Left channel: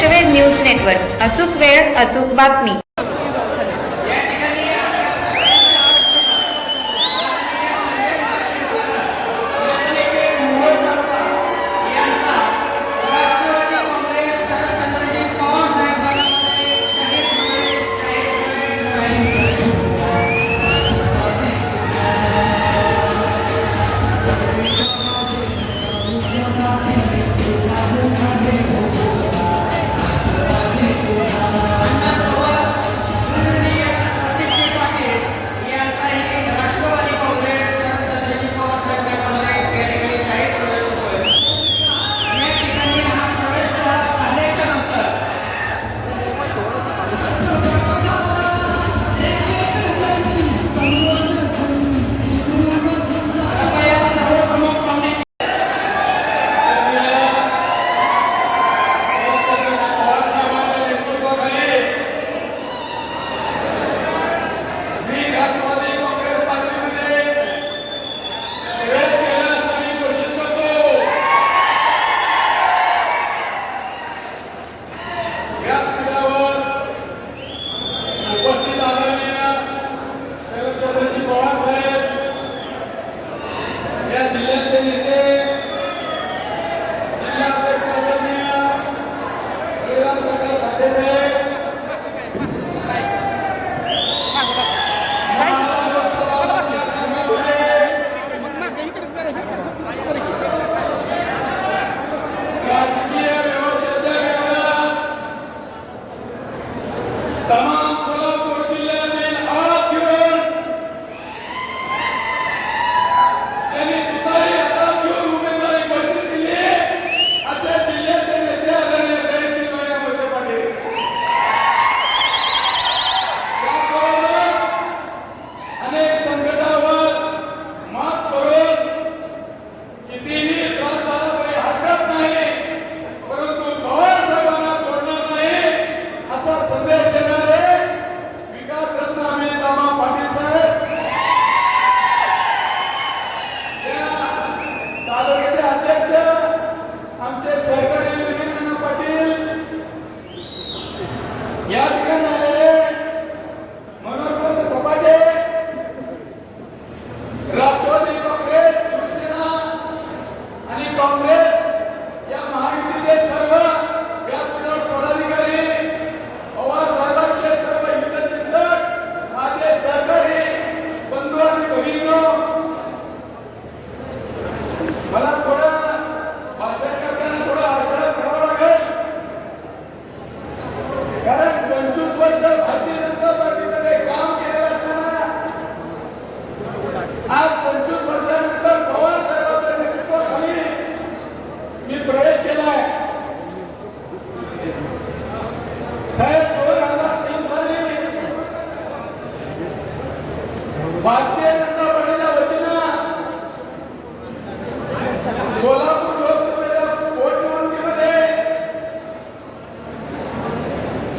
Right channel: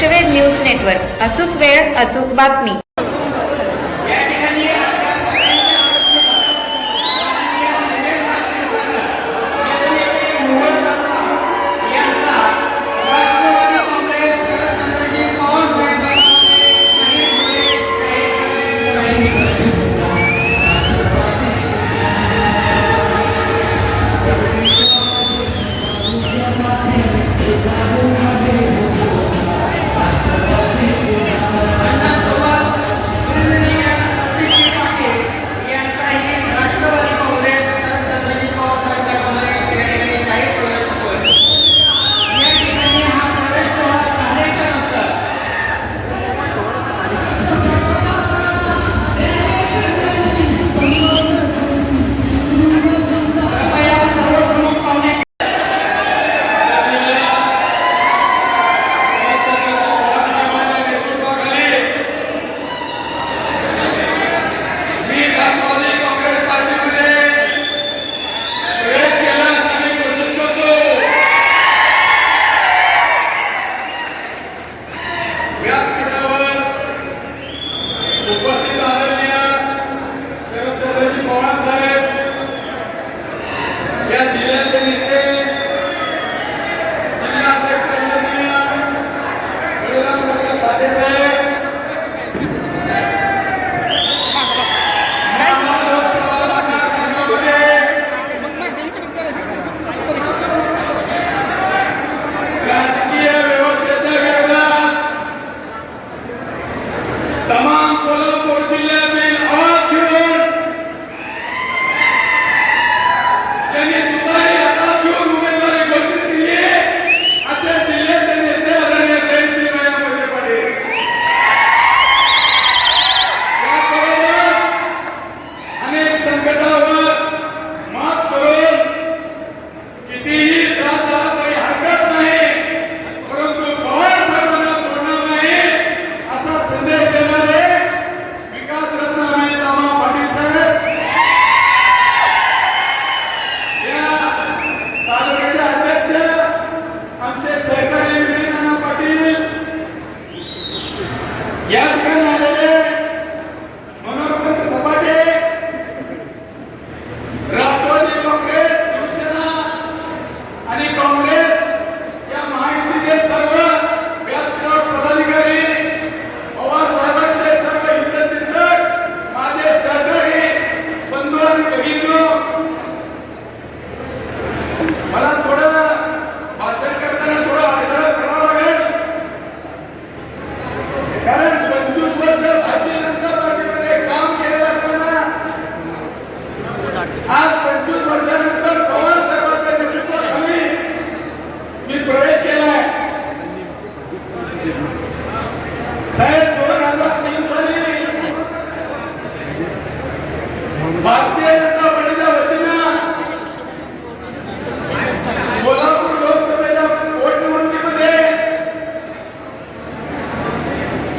लक्षवेध news network. अचूक वेळ अचूक बातमी.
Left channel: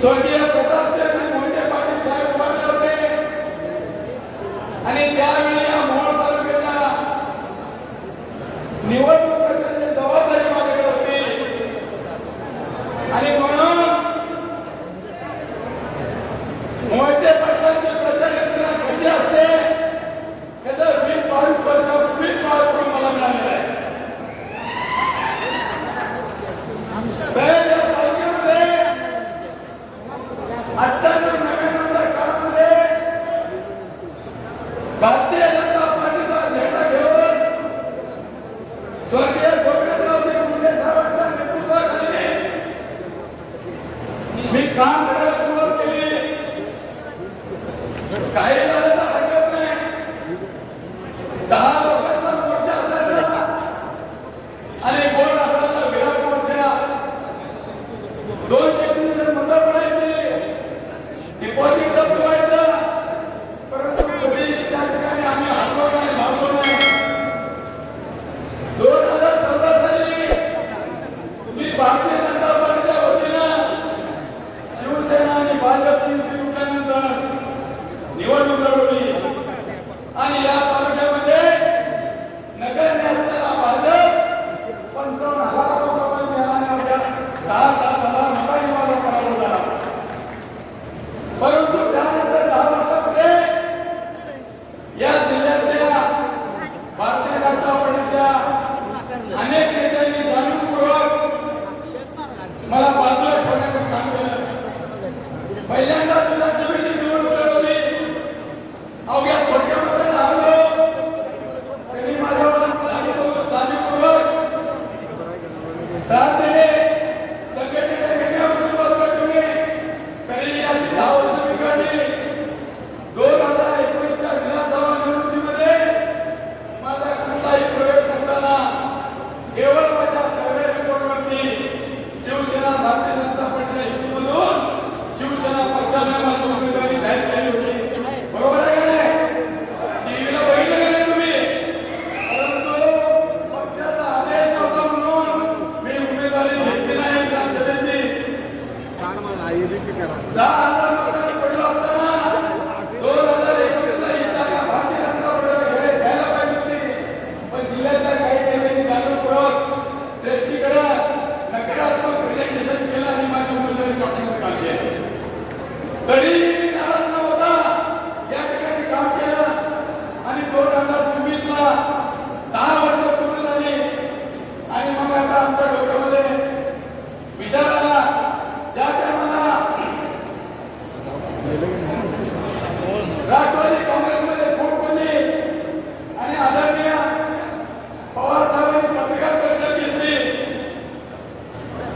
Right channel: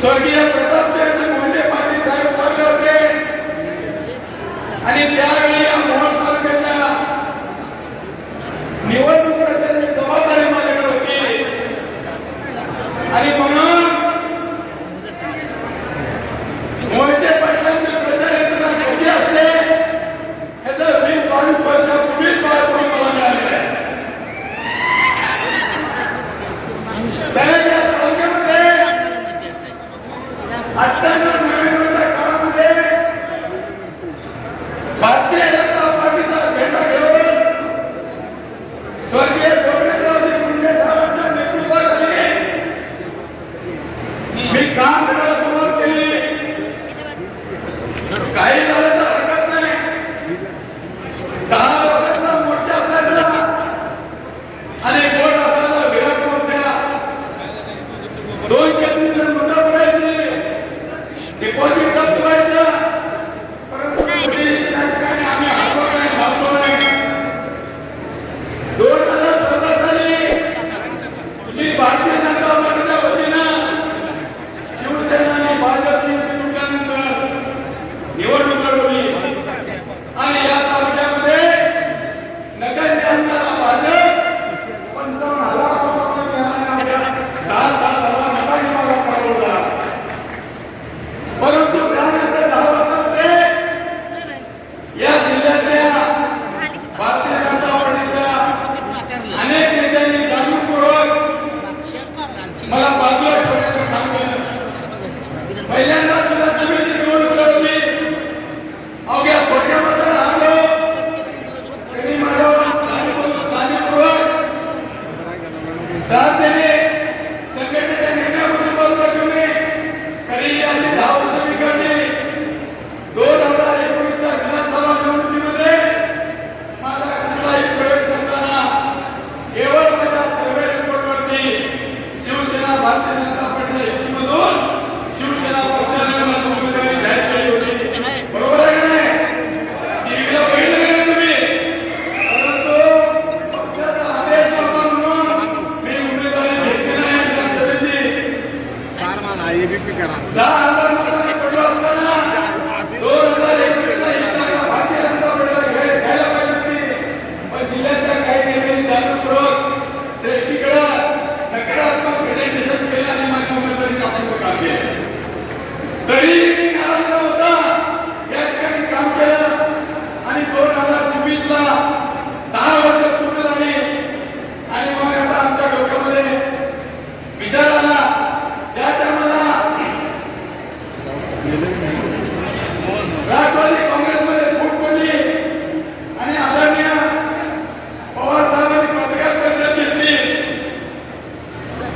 स्वर्गीय प्रतापसिंह मोहिते पाटील साहेब बोलले होते. आणि त्यावेळी या मोहन तालुक्याच्या निवडणूक प्रचाराची जबाबदारी माझ्याकडे होती. आणि म्हणून मोहिते पाटलांचे प्रचार यंत्रणा कशी असते याचं वीस बावीस वर्ष 그러니까 깔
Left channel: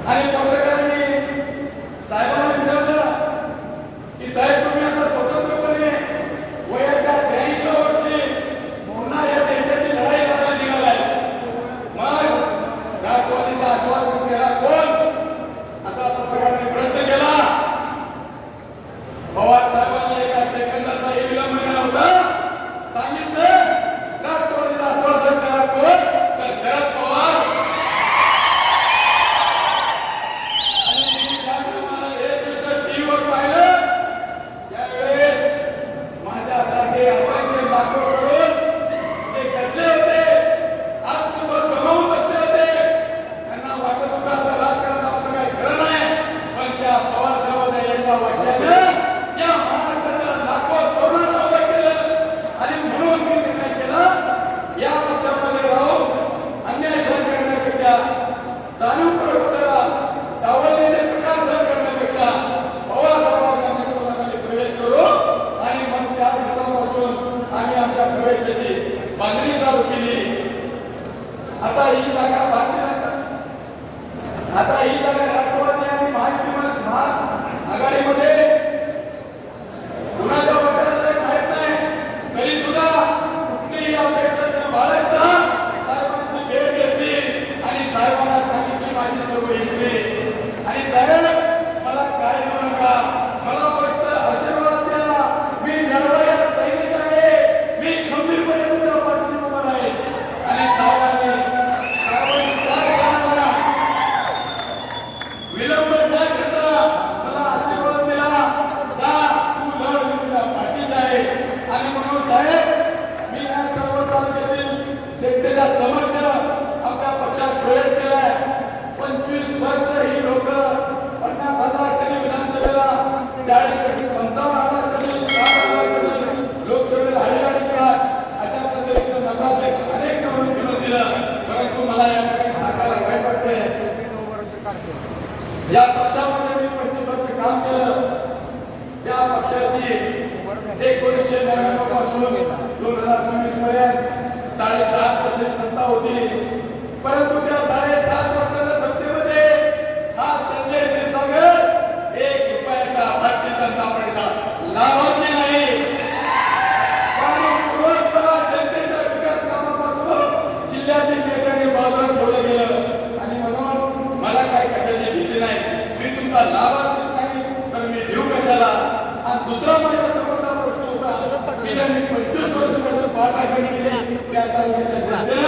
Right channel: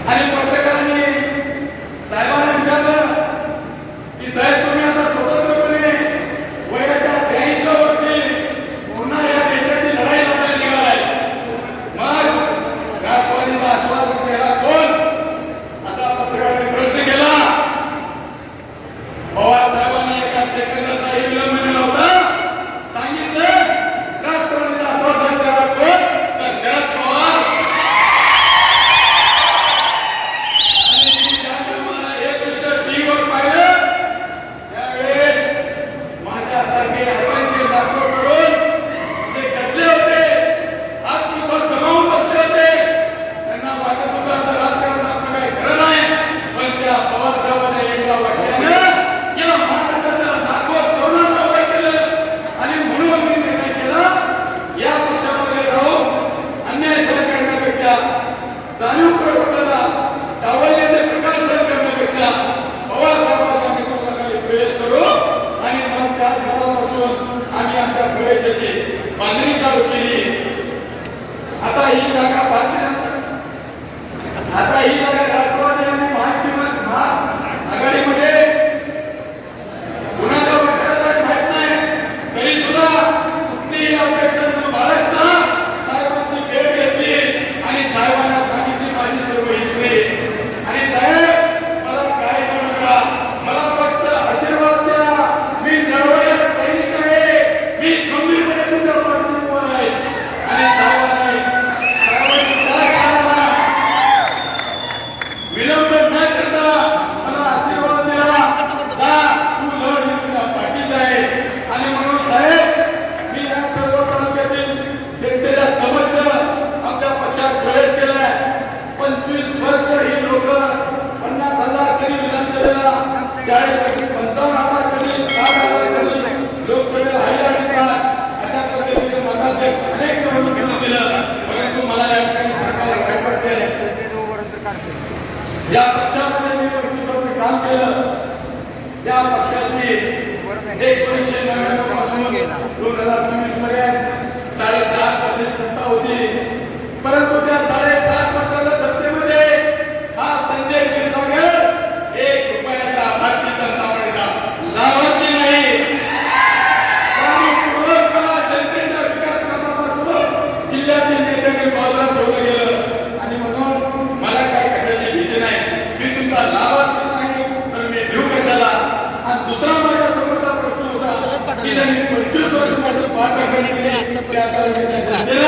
Aí papai चाळीस पंचावन्न हजार अशा पद्धतीने मताचे अनेक निवडणुकीला दिलं परंतु मला या ठिकाणी सांगायला काय ज्या पक्षामध्ये मी पंचवीस काम केलं त्या पक्षाची एकोणीसशे नव्याण्णवपासून दोन हजार चोवीसपर्यंत साडेसात पर्सेंट सत्ता होती. ಇದನ್ನು ಪ್ರಚುರ ಸ್ವಾತಂತ್ರ್ಯ ಪಾಠ ಕಲಿಸಿ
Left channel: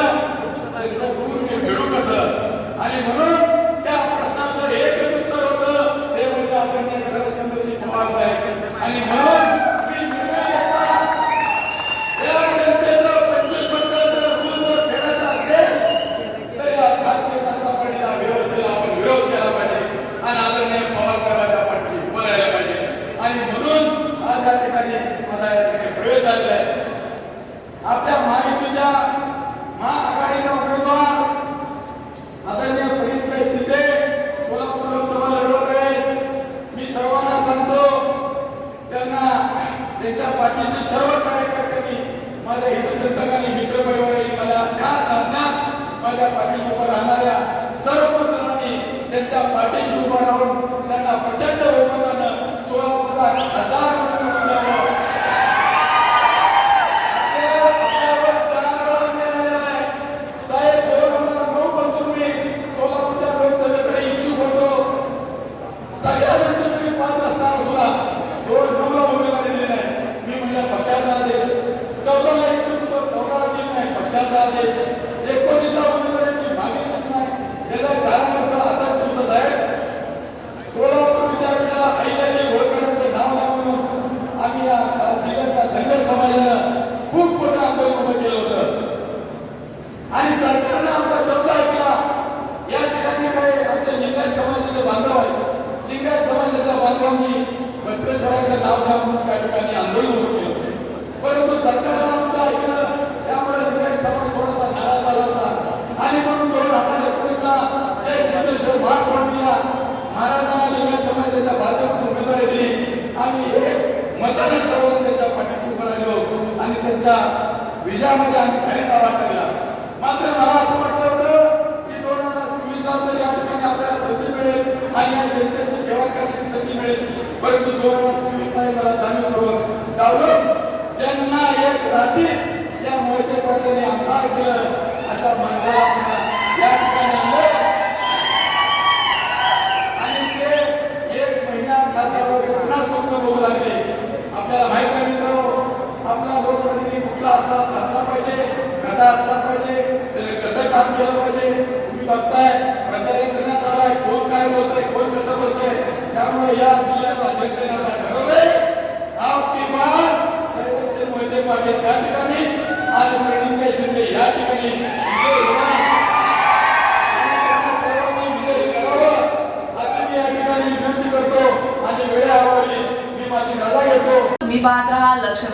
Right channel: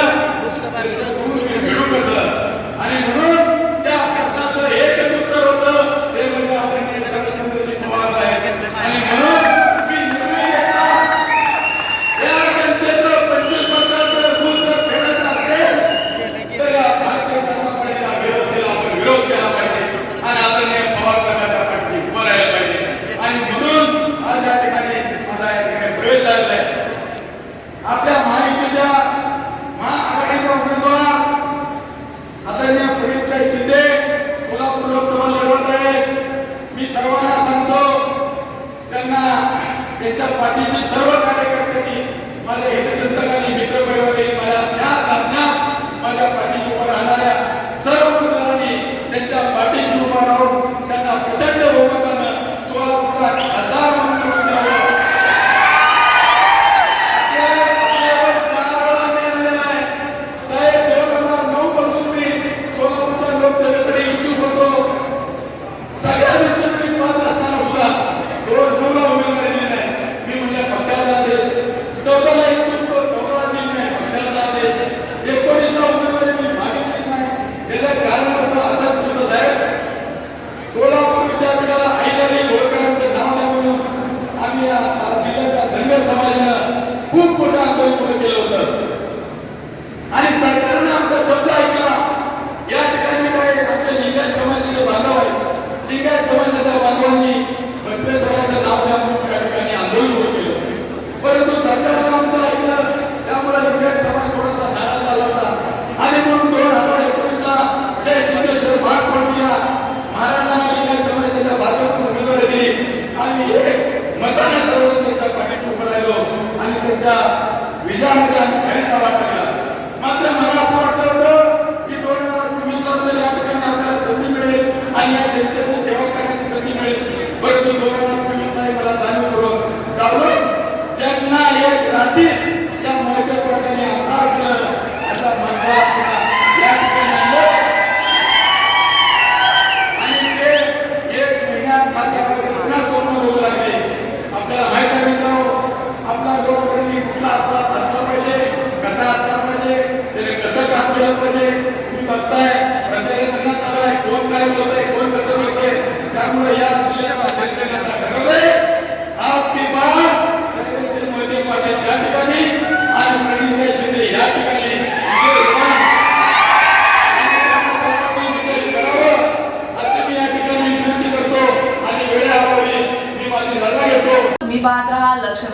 యొక్క విజయానికి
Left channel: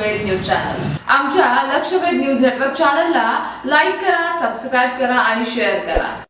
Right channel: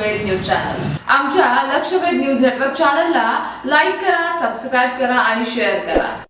लक्षवेद न्यूज चॅनल. आमच्या लक्षवेद न्यूज नेटवर्क चॅनलला लाईक करा सबस्क्राईब करा आणि शेअर करा.